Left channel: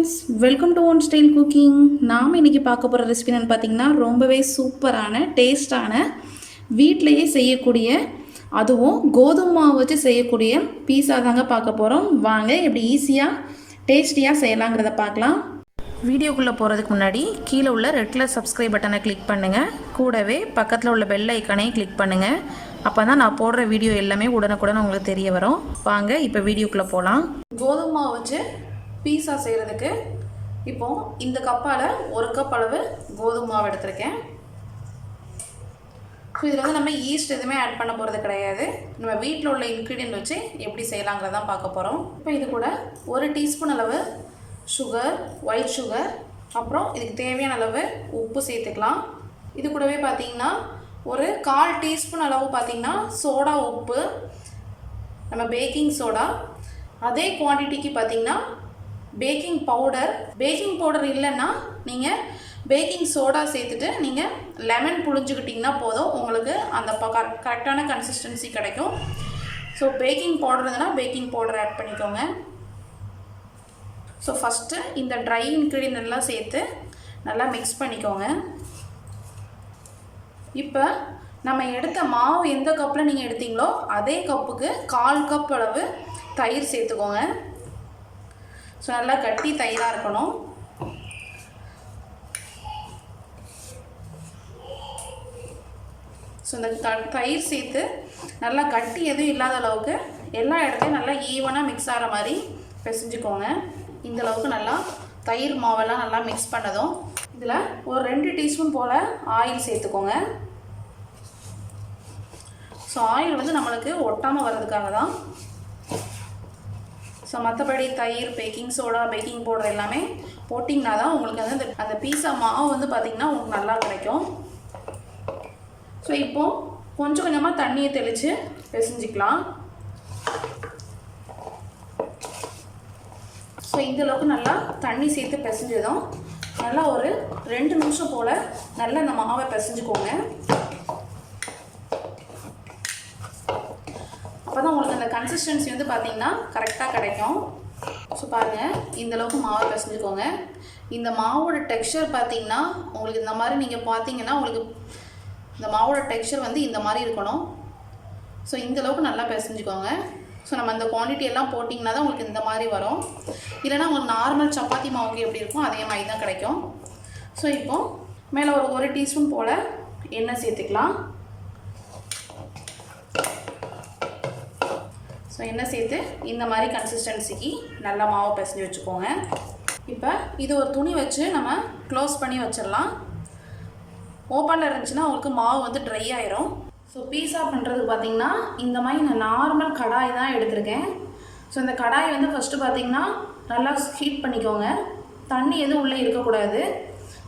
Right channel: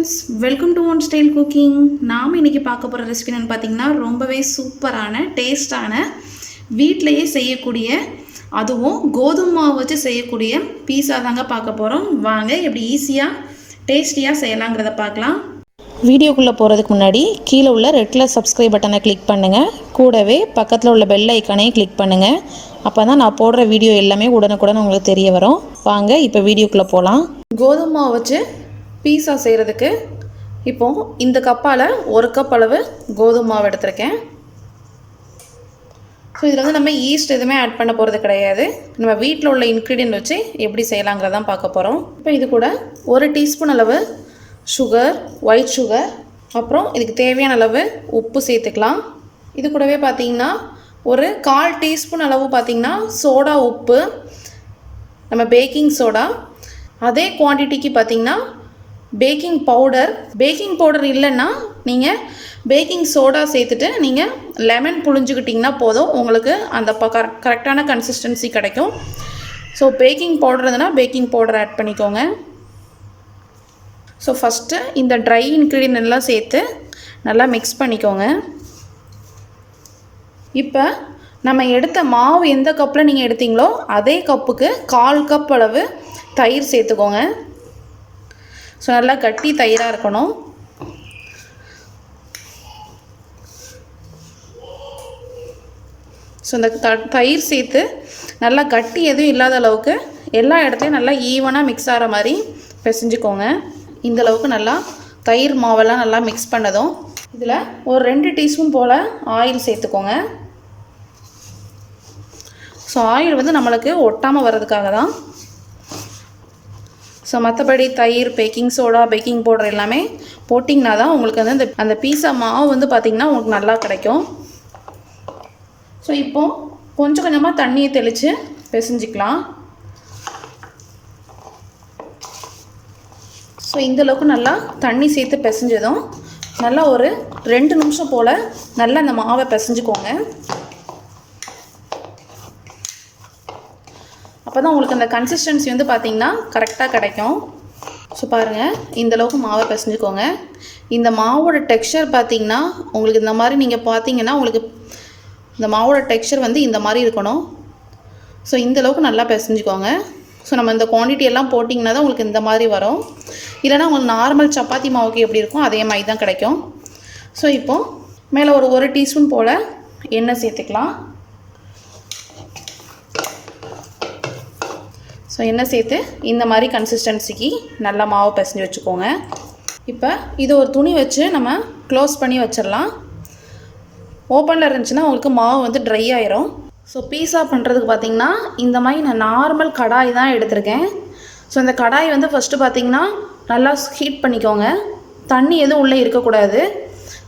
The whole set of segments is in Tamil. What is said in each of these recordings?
Friends, welcome to one style cooking. நாம் இன்றைக்கி பார்க்க போகிற ரெசிபி என்னென்னு பார்த்தீங்கன்னா ரொம்பவே சூப்பரான டேஸ்டான வீட்டிலையே செய்யக்கூடிய, அதுவும் கோதுமை மாவு வச்சு செய்யக்கூடிய பீஸா தாங்க பார்க்க போகிறோம். வாங்க எப்படி ஈஸியாக டேஸ்டியாக செய்யலாங்கிறத பார்க்கலாம். வீடியோக்குள்ளே போகிறதுக்கு முன்னாடி கீழே உள்ள ரெட் கலர் சப்ஸ்கிரைப் பட்டனை கிளிக் பண்ணுங்கள். கூடவே பக்கத்தில் உள்ள பெல் ஐக்கானையும் கிளிக் பண்ணுங்கள். அப்போ தான் நான் போடுற வீடியோ எல்லாமே உடனுக்குடன் உங்களுக்கு தெரிய வரும். வாங்க இப்போ வீடியோக்குள்ளே போகலாம். கோதுமை மாவு வச்சு பீஸா செய்கிறதுக்கு இப்போது இந்த கப்பால் 1 கப் அளவு கோதுமை மாவு எடுத்திருக்கேன். ஸோ இதில் வந்து நம்ம ஈஸ்ட் எதுவுமே ஆட் பண்ண போகிறது கிடையாது. நம்ம வீட்டில் உள்ள இன்க்ரீடியன்ட் வச்சு எப்படி செய்யலாங்கிறதான் பார்க்க போகிறோம். இப்போ இது கூட 1 டீஸ்பூன் அளவு சுகர், ஒயிட் சுகர், அப்புறம் இதுக்கு தேவையான அளவு உப்பு சேர்த்துக்கலாம். இது கூடவே பார்த்திங்கன்னா ஒரு 1/4 டீஸ்பூன் அளவு பார்த்திங்கன்னா சோடா உப்பு, நம்ம பேக்கிங் சோடா. அதே குவான்டிட்டிக்கு பார்த்திங்கன்னா பேக்கிங் பவுடர் இல்லைன்னா நீங்கள் பேக்கிங் சோடா சேர்த்துட்டு நீங்கள் லெமன் புழிஞ்சுக்கிட்டிங்கன்னா போதும், உங்களுக்கு அந்த கரெக்டான கன்சிஸ்டன்சி கிடைக்கும். ஸோ பேக்கிங் பவுடர் இருந்ததுன்னா பேக்கிங் பவுடர் ஆட் பண்ணிக்கோங்க. ஸோ ஃபஸ்ட்டு இந்த ட்ரை இன்க்ரீடியன்ட் எல்லாம் சேர்த்து நல்லா மிக்ஸ் பண்ணிக்கோங்க. இப்போ நம்ம எடுத்த மாவு எந்த கப்பில் நீங்கள் எடுத்தீங்களோ அதே கப்புக்கு 1/4 கப் அளவு தயிர் சேர்த்துக்கோங்க. ஸோ நல்லா கட்டி தயிராக இருக்கணும். ஸோ இந்த தயிர் சேர்த்து நல்லா கட்டி எதுவும் இல்லாத அளவுக்கு எல்லா இடத்துலையும் நல்லா ஈவனாக மிக்ஸ் ஆகிற மாதிரி பிசைஞ்சுக்கோங்க. இந்த அளவுக்கு நல்லா தயிர் மாவெல்லாம் நல்லா மிக்ஸ் பண்ணதும் இதில் ஒரு 2 டீஸ்பூன் போல் ஆயில் சேர்த்துக்கோங்க. ஸோ ஆயில் வந்து நம்மளுக்கு ஒட்டாமல் வர்றதுக்காக தான். ஸோ மற்றபடி தயிர், பேக்கிங் சோடா, பேக்கிங் பவுடர் எல்லாமே போட்டிங்கன்னா தான் உங்களுக்கு வந்து அந்த பீஸா மாவு வந்து பார்த்திங்கன்னா உங்களுக்கு நல்லா கிடைக்கும். ஸோ இப்போது கொஞ்சம் கொஞ்சமாக தண்ணியை தெளித்து பிசைஞ்சிக்கலாம். ஸோ இந்தளவுக்கு நல்லா தண்ணி சேர்த்து பிசைஞ்சதும் நல்லா ஒரு 2 நிமிஷம் போல் நல்லா அந்த மாவை பிசைஞ்சுக்கோங்க. அப்போ தான் உங்களுக்கு அந்த கன்சிஸ்டன்சி வந்து பார்த்திங்கன்னா கரெக்டாக கிடைக்கும். ஸோ பாருங்கள், இந்தளவுக்கு மாவை பிசைஞ்சுக்கோங்க. இந்த மாவோட டெக்ஸ்சர் பார்த்திங்கன்னா உங்களுக்கு இந்த மாதிரி நீங்கள் பார்த்தீங்கன்னா உங்களுக்கு இந்த மாவோட டெக்ஸ்சர் வந்து இந்த மாதிரி இருக்கணும். ஸோ இந்தளவுக்கு நல்லா பிசைஞ்சுக்கோங்க. ஸோ நம்ம இந்த குவான்டிட்டி எல்லாம் போட்டிங்கன்னா தான் உங்களுக்கு இந்த மாதிரி வரும். இல்லைனா உங்களுக்கு நார்மல் சப்பாத்தி மாவுக்கு எப்படி இருக்கும் அதே மாதிரி தான் கிடைக்கும். ஸோ இப்போது மேலே ஒரு 1 டீஸ்பூன் போல் எண்ணெய் சேர்த்துக்கலாம். ஸோ எண்ணெய் சேர்த்து இந்த மாதிரி கன்சிஸ்டன்சிக்கு நல்லா மாவு பிசைஞ்சு வச்சுக்கோங்க. இப்போ இது ஒரு துணி வச்சு நம்ம க்ளோஸ் பண்ணி வச்சிடலாம். ஓப்பனில் இருந்துச்சுன்னா உங்களுக்கு மாவு வந்து ட்ரை ஆயிரும். ஸோ பீஸா பண்ணுறதுக்கு பார்த்திங்கன்னா இந்த மாதிரி நான் நார்மல் கடாய் தான் எடுத்திருக்கேன். ஸோ இந்த கடாய் வந்து ஃபஸ்ட்டு பார்த்திங்கன்னா நல்லா ஹீட் பண்ணிக்கோங்க. தண்ணி எதுவும் உள்ளே இருக்கக்கூடாது.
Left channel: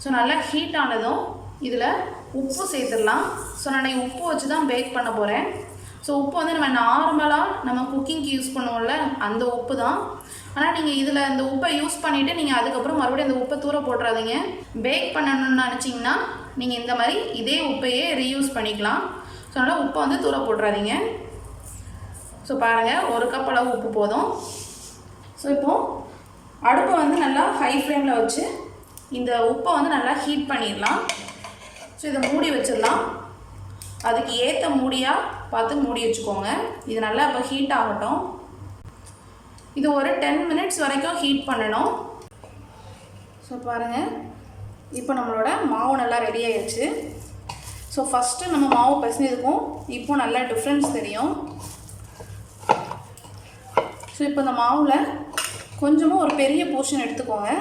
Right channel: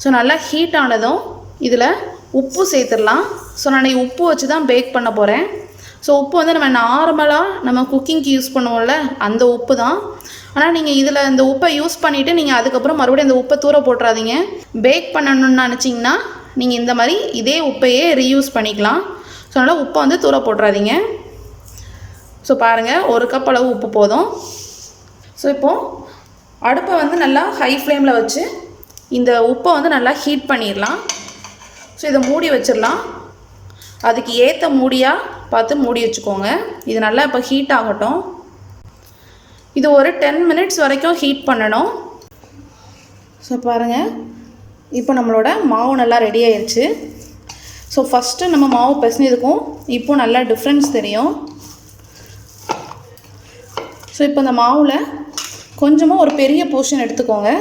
ஸோ நல்லா ஹீட் ஆனதும் இதில் உப்பு சேர்த்துடலாம். ஸோ நான் உப்பு வச்சு தான் பேக் பண்ண போகிறேன். ஸோ உப்பு வந்து நம்ம நார்மலாக நம்ம குக்கிங்க்கு யூஸ் பண்ணுவோம்ல அந்த உப்பு தான். ஆனால் நீங்கள் இதில் இந்த உப்பை யூஸ் பண்ணிவிட்டு நீங்கள் அதுக்கப்புறம் மறுபடியும் அந்த உப்பை தூர போட்டுறாதீங்க. பேக் பண்ணணும்னு நினச்சிங்கன்னா நீங்கள் இந்த மாதிரி இதே உப்பையே ரீயூஸ் பண்ணிக்கலாம். ஸோ அதனால் உப்பை வந்து தூர போட்டுறாதீங்க. ஸோ பாருங்கள், 1 கப் அளவு உப்பு போதும். ஸோ இப்போது அடுப்பை வந்து நல்லா ஹை ஃப்ளேமில் வச்சு இந்த உப்பை வந்து நல்லா ஹீட் பண்ணிடலாம். ஸோ இதை மூடி வச்சிடலாம். அதுக்கு ஏற்ற மூடியாக பார்த்து மூடி வச்சுக்கோங்க. இது நல்லா இப்போ ஹீட் ஆகட்டும். இது ஒரு 10 மினிட்ஸ் வரைக்கும் ஹீட் பண்ணணும். ஸோ பாருங்கள், இப்போ நம்மளோட மாவு நல்லா ரெடி ஆயிடுச்சு. ஸோ ஃபஸ்ட்டு நம்ம மாவு பிசைஞ்சதுக்கும் இப்போ நல்லா டிஃப்ரென்ஸ் தெரியும். ஸோ இப்போ இந்த மாவில் கொஞ்சமாக ஒரு பெரிய போர்ஷன் எடுத்துக்கோங்க.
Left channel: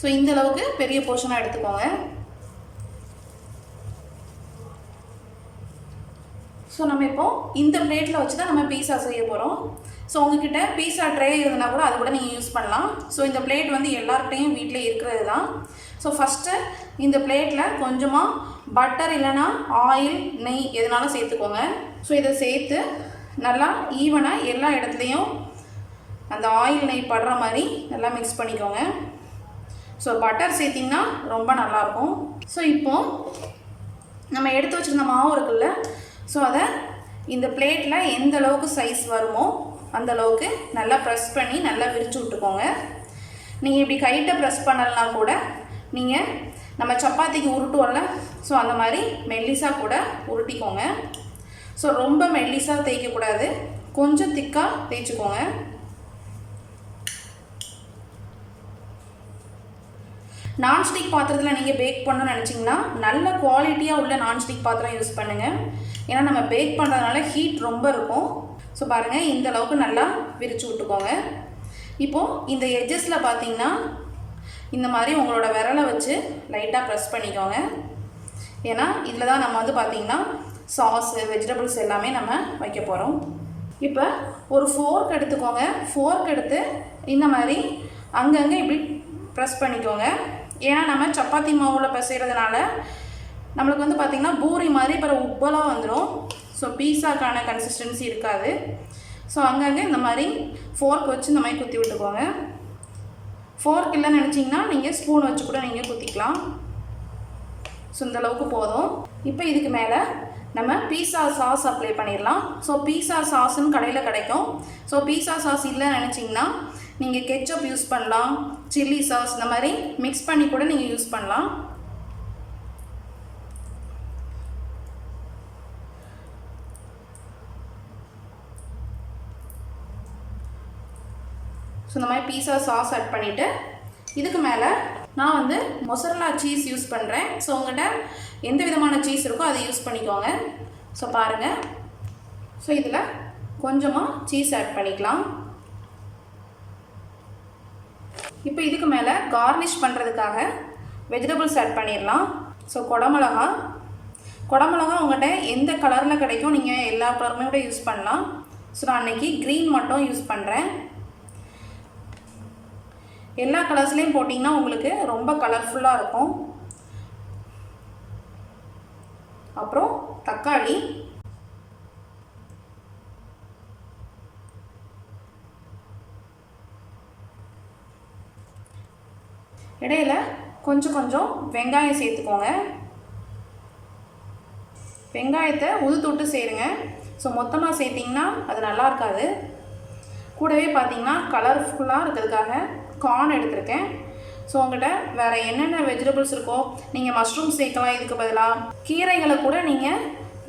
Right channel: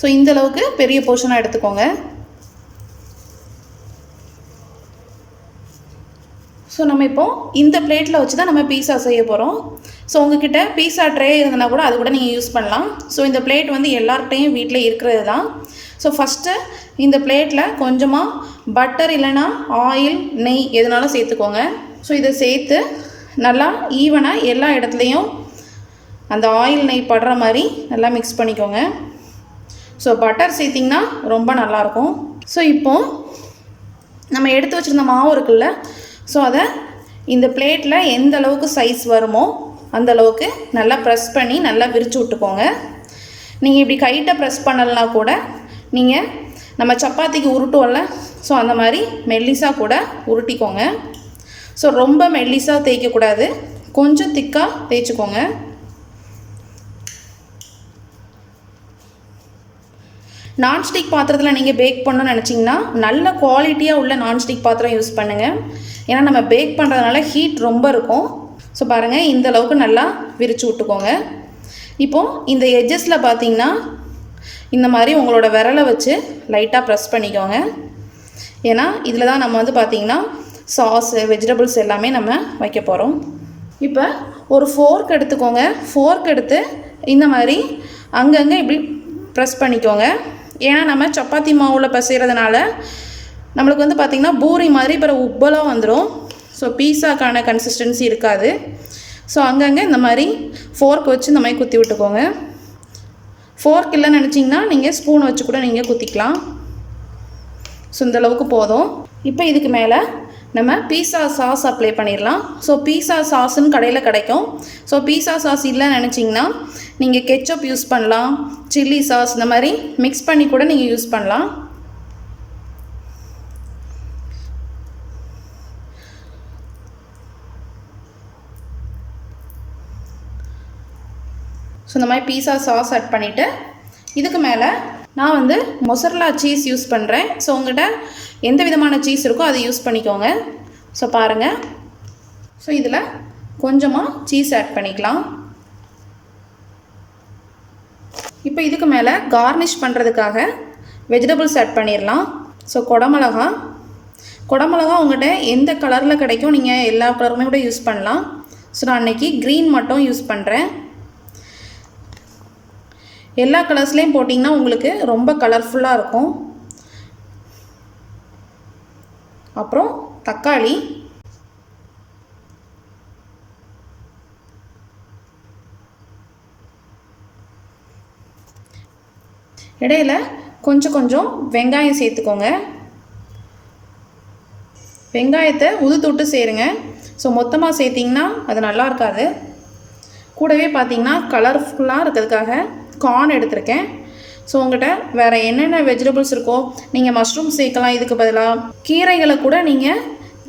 ஸோ இந்தளவுக்கு பெரிய போர்ஷனாக எடுத்துக்கோங்க. ஸோ நம்ம இப்போது இந்த பிளேட்டில் வச்சு தான் நம்ம பீஸா செய்ய போகிறோம். ஸோ உங்ககிட்ட பீஸா ட்ரே இருந்ததுன்னா கூட அது கூட நீங்கள் யூஸ் பண்ணலாம். ஸோ இந்த பிளேட் வந்து எல்லார்கிட்டையும் வீட்டில் இருக்கிறது தான். ஸோ ஃபஸ்ட்டு இந்த பிளேட்டில் கொஞ்சமாக பட்டர் இல்லைனா ஆயில், நெய் எதுனாலும் சேர்த்துக்கோங்க. ஸோ இதை சேர்த்து நல்லா ஈவனாக எல்லா இடத்துலையும் அந்த ஆயில், நெய் படுற மாதிரி நல்லா மிக்ஸ் பண்ணிக்கோங்க. ஸோ பட்டர் சேர்த்திங்கன்னா ரொம்ப நல்லாயிருக்கும். ஸோ இப்போது நம்ம எடுத்து வச்சுருந்த மாவு இருக்குல்ல, ஸோ அதை இந்த பிளேட்டில் எந்த அளவுக்கு சைஸ் வருமோ அந்த அளவுக்கு நல்லா ப்ரெஸ் பண்ணி நல்லா விரித்து விட்டுக்கோங்க. நீங்கள் இப்படி கைட்ட ப்ரெஸ் பண்ணலனா கூட நீங்கள் நம்ம சப்பாத்திக்கு உருட்டுவோம்ல, ஸோ அந்த மாதிரி மெல்லிஸாக கூட உருட்டிக்கோங்க. ஸோ ரொம்ப மெல்லிஸாக தேய்க்கக்கூடாது, கொஞ்சம் திக்காக தேய்ச்சிக்கோங்க. நான்ஸ்டிக் பாத்திரத்தில் நீங்கள் பேக் பண்ணணும்னு நினச்சிங்கன்னா நல்ல குவாலிட்டியாக உள்ள நான்ஸ்டிக் பாத்திரம் யூஸ் பண்ணுங்கள். ஏன்னா நம்ம பேக் பண்ணுறதுனால ஹீட் ரொம்ப இருக்கும். ஸோ பாருங்கள், இந்த அளவுக்கு நல்லா விரித்து விட்டுக்கோங்க. இப்போது இந்த எட்ஜஸில் பார்த்தீங்கன்னா இந்த மாதிரி உங்களோட விரலை வச்சு லைட்டாக ப்ரெஸ் பண்ணிக்கோங்க. ஏன்னா இதில் தான் நம்ம வந்து பார்த்திங்கன்னா சாஸு வெஜிடபிள்ஸ் எல்லாமே நம்ம வைக்க போகிறோம். இப்போ ஒரு ஃபோர்க் எடுத்துக்கோங்க. ஃபோர்க் எடுத்து இந்த மாதிரி அங்கங்கே இப்படி ப்ரெஸ் பண்ணிக்கோங்க. ஏன்னா நம்ம சப்பாத்தி மாவில் பிசைகிறதுனால நம்மளுக்கு வந்து பார்த்திங்கன்னா பூரி மாதிரி பிறகு உப்பெல்லாம் வந்துடும். ஸோ பீஸாக்கான கன்சிஸ்டன்சி இருக்காது. ஸோ அங்கங்கே இந்த மாதிரி ஃபோர்க் வச்சு இந்த மாதிரி குத்தி விட்டுக்கோங்க. ஃபோர்க் இல்லைன்னு நினச்சிங்கன்னா நீங்கள் ஸ்பூன் வச்சு கூட நீங்கள் குத்திக்கலாம். ஸோ இந்த அளவுக்கு போதும். இப்போ இதுக்கு மேலே நம்ம பீஸா சாஸ் அப்ளை பண்ணிடலாம். ஸோ பீஸா சாஸ்ன்னு கடையில் கிடைக்கும். ஸோ பீஸா சாஸ் இல்லைன்னு நினச்சிங்கன்னா நீங்கள் கெச்சப் யூஸ் பண்ணலாம், சில்லி சாஸ் இந்த மாதிரி மிக்ஸ் பண்ணி கூட நீங்கள் யூஸ் பண்ணலாம். ஸோ இந்த மாதிரி பீஸா சாஸ் ஆட் பண்ணிவிட்டு இதுக்கு மேலே நான் வந்து மொசரல்லா சீஸ் யூஸ் பண்ணுறேன். ஸோ உங்கள்கிட்ட எந்த விதமான சீஸ் இருக்கோ அதை யூஸ் பண்ணிக்கோங்க. ஸோ பாருங்கள், ஸோ இதில் கொஞ்சமாக சீஸ் ஆட் பண்ணிக்கலாம். இப்போ இதுக்கு மேலே கார்னிஷ் பண்ணுறதுக்காக வெஜிடபிள்ஸ் ஆட் பண்ணிடலாம். ஸோ குடமிளகா உங்கள்கிட்ட எந்த கலரில் கிடைக்கும், நீங்கள் எல்லா கலருமே கூட யூஸ் பண்ணலாம். ஸோ நான் அன்றைக்கி க்ரீன் மட்டும் யூஸ் பண்ணுறேன். எல்லா கலர்ஸ்லேயும் போட்டிங்கன்னா உங்களுக்கு ரொம்ப கலர்ஃபுல்லாக இருக்கும். அப்புறம் தக்காளி, இடையில கொஞ்சம் கொஞ்சம் வெங்காயம் சேர்த்துக்கோங்க. வெங்காயத்தை உதுத்துட்டு சேருங்க. ஸோ மொத்தமாக சேர்த்திங்கன்னா அது நல்லா இருக்காது. கூடவே பார்த்திங்கன்னா கலர்ஃபுல்லாக இருக்கிறதுக்காக கார்ன் எடுத்திருக்கேன். ஸோ உங்கள்கிட்ட வேறு என்னென்ன வெஜிடபிள்ஸ் இருக்கோ நீங்கள் மஷ்ரூம் சேர்க்கலாம். இதுக்கு பதிலாக கீரைகளை கூட நீங்கள்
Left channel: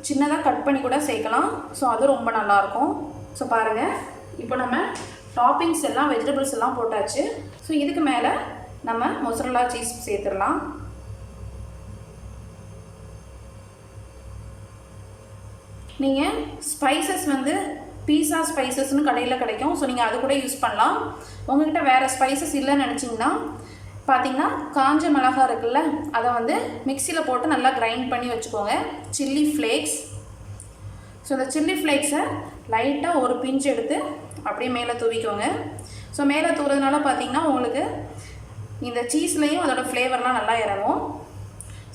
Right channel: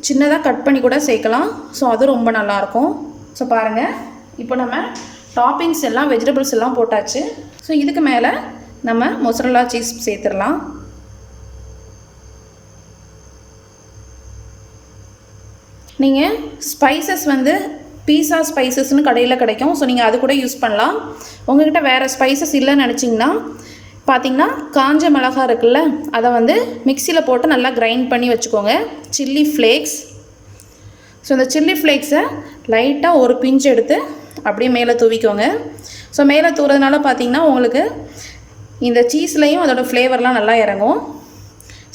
சின்னதாக கட் பண்ணி கூட சேர்க்கலாம். ஸோ அது ரொம்ப நல்லாயிருக்கும். ஸோ பாருங்கள், இப்போ நம்ம டாப்பிங்ஸ் எல்லாம் வெஜிடபிள்ஸ் எல்லாம் போட்டாச்சு. ஸோ இதுக்கு மேலே நம்ம மொசரல்லா சீஸ் சேர்த்துடலாம். நீங்கள் ஸ்பைசஸ் வந்து பீஸா ஸ்பைசஸ்னு கடையில் கிடைக்கும். ஸோ நீங்கள் அது கூட யூஸ் பண்ணலாம். உங்கள்கிட்ட வேறு ஸ்பைசஸ் இல்லைன்னு நினச்சிங்கன்னா பார்த்திங்கன்னா காஞ்ச மிளகா இருக்குல்ல, அதை வந்து மிக்சியில் போட்டு நல்லா கிரைண்ட் பண்ணி வச்சுக்கோங்க. Chilli flakes. ஸோ இந்த சில்லி ஃப்ளேக்ஸை லைட்டாக ஒரு பிஞ்சு எடுத்து அப்படியே மேலே தூவிக்கோங்க. ஸோ மேலே தூவுறதுனால பார்த்திங்கன்னா உங்களுக்கு இந்த சீஸ்லேயும் அதோட ஃப்ளேவர்லாம் நல்லா இறங்கும்.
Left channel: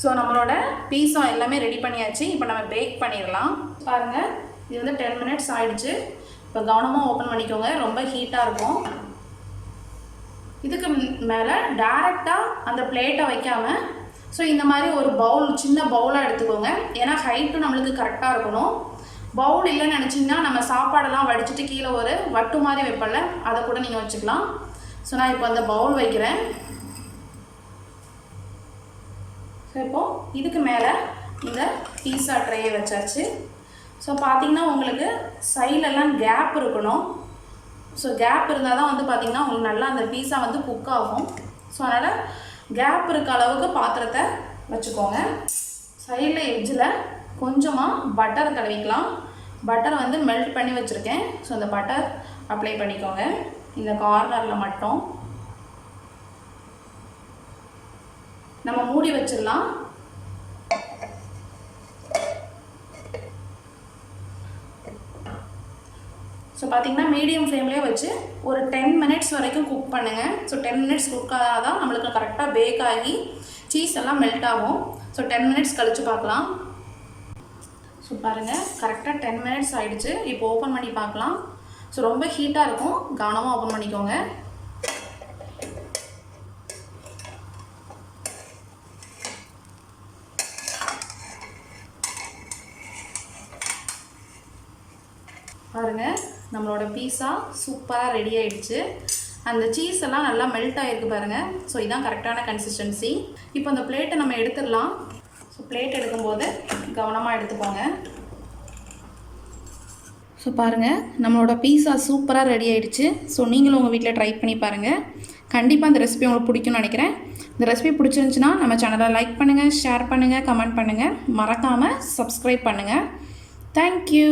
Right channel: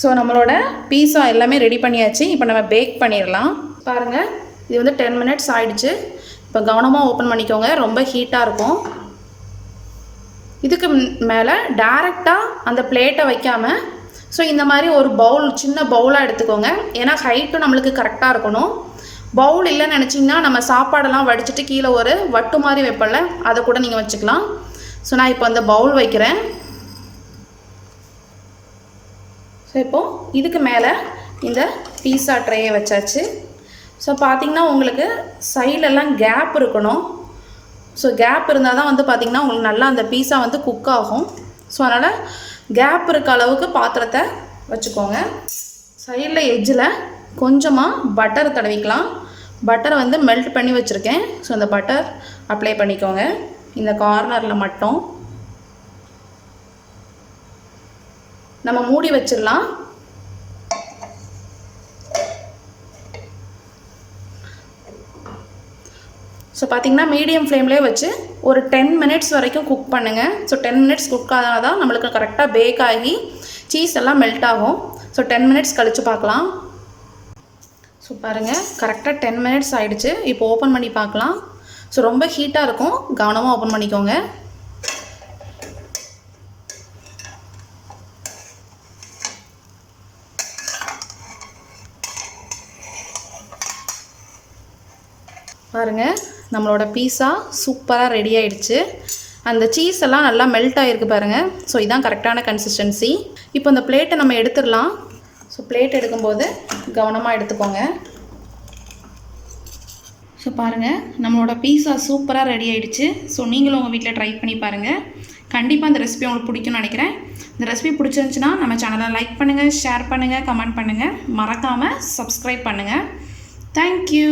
ஸோ நம்மளோட பீஸா எல்லாமே ரெடி பண்ணியாச்சு. இப்போ நம்ம பேக் பண்ணிடலாம். பாருங்கள், இது வந்து 10 மினிட்ஸ் ஆகிடுச்சு. இப்போ கவனமாக ஓப்பன் பண்ணிக்கோங்க, ரொம்ப ஹீட்டாக இருக்கும். இதுக்கு மேலே டைரெக்டாக அந்த பிளேட்டை வைக்காமல் ஸோ இந்த மாதிரி ஒரு பவுல், சின்ன பவுலாக எடுத்துக்கோங்க. ஏன்னா ஹைட்டும் நம்மளுக்கு கரெக்டாக இருக்கணும். பவுல் இல்லைன்னு நினச்சிங்கன்னா நம்ம சாப்பாடெல்லாம் வடிச்சிட்டு கீழே ஒரு வட்டு மாதிரி வைப்பல, அதை கூட நீங்கள் வச்சுக்கலாம். ஸோ நான் இப்போ அந்த பவுல் வைக்கிறேன். ஸோ இப்போது இதுக்கு மேலே இந்த பீஸா ட்ரேயை வச்சாச்சு. ஸோ பார்த்திங்கன்னா உங்களுக்கு சைடெல்லாம் கேப் இருக்கணும். ஸோ கேப் இருந்தால் தான் வந்து பார்த்திங்கன்னா உங்களுக்கு நல்லா அந்த பீஸா வந்து குக் ஆகும். ஸோ அதனால் கேப் இருக்க அளவுக்கு பாத்திரத்தை வச்சுக்கோங்க. சைடில் எட்ஜில் கொஞ்சமாக பட்டர் தடவிக்கலாம். பட்டரை வந்து மெல்ட் பண்ணி வச்சுருக்கேன். ஸோ அந்த பட்டர் அப்ளை பண்ணிக்கோங்க இந்த கார்னரில் மட்டும். நம்ம மூடி வச்சிடலாம். ஸோ பார்த்திங்கன்னா மீடியம் ஃப்ளேம்லேயே வச்சு ஒரு 10 மினிட்ஸ் வரைக்கும் குக் பண்ணுங்கள். ஸோ 10 மினிட்ஸ் குக் ஆனால் தான் நம்மளுக்கு கரெக்டாக பேக் ஆகி சீஸ் எல்லாம் மெல்ட் ஆகும். ஸோ 10 மினிட்ஸ் கழித்து பார்க்கலாம். ஸோ பாருங்கள், கரெக்டாக 10 மினிட்ஸ் ஆகிடுச்சு. இப்போ ஓப்பன் பண்ணி பார்க்கலாம். ஸோ ரொம்ப ஹீட்டாக இருக்கும், கவனமாக ஓப்பன் பண்ணிக்கோங்க. பாருங்கள், நம்மளோட பீஸா சூப்பராக ரெடி ஆகிடுச்சு. அந்த சீஸ் எல்லாம் நல்லா மெல்ட் ஆகிருக்கு பாருங்கள். ஸோ இதான் கரெக்டான கன்சிஸ்டன்சி. இப்போ இந்த பிளேட்டை நம்ம எடுத்துடலாம். ஸோ பிளேட் எடுக்கும்போது கவனமாக எடுத்துக்கோங்க. ஸோ பாருங்கள், நம்மளோட பீஸா சூப்பராக ரெடி ஆகிடுச்சு. ஸோ நீங்களும் உங்கள் வீட்டில் ட்ரை பண்ணி பாருங்கள். கண்டிப்பாக இந்த ரெசிபி உங்களுக்கு பிடிக்கும்னு நினைக்கிறேன். இந்த ரெசிபி பிடிச்சிருந்துச்சுன்னா நம்ம சேனலை லைக் பண்ணுங்கள், ஷேர் பண்ணுங்கள், கமெண்ட் பண்ணுங்கள். மறக்காமல் சப்ஸ்கிரைப் பண்ணுங்கள். தேங்க்யூ.